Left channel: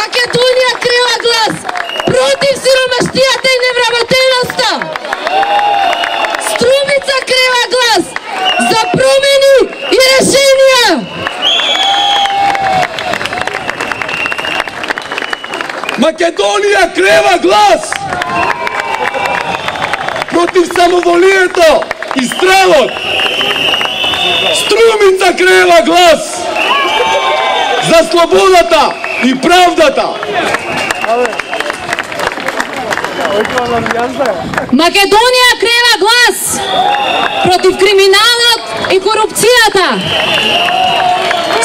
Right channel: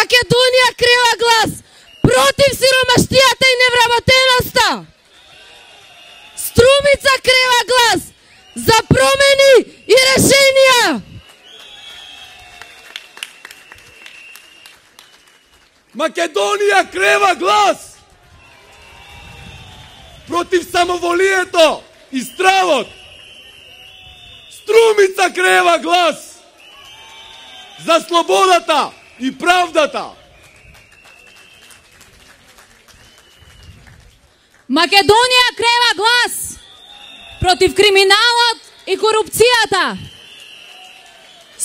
Македонија крива глас против сиромаштијата и невработеноста. Струмица крива глас за промени и решенија. Македонија крива глас против самоволието и стравот. Струмица крива глас за слободата и правдата. Македонија крива глас против криминалот и корупцијата.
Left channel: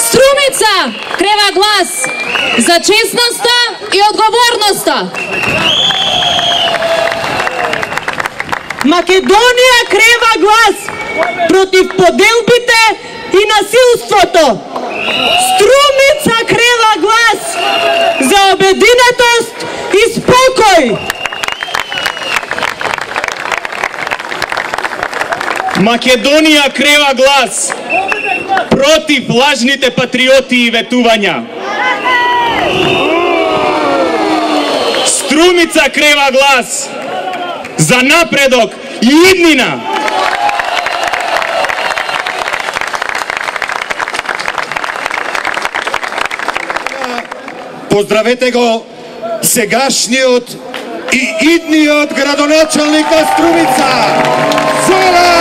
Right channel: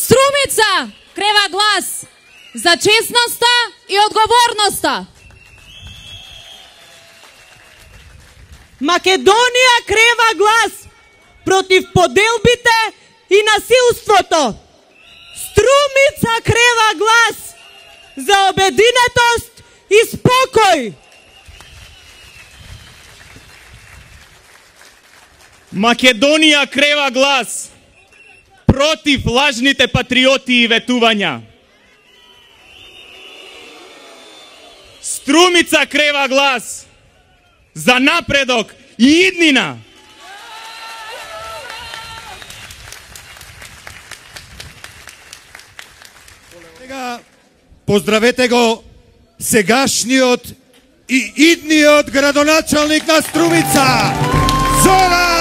Струмица крива глас за честноста и одговорноста. Македонија крива глас против поделбите и насилството. Струмица крива глас за обединетост и спокој. Македонија крива глас против лажните патриоти и ветувања. Струмица крива глас за напредок и иднина. Поздравете го сегашниот и идниот градоначалник на Струмица, Зоран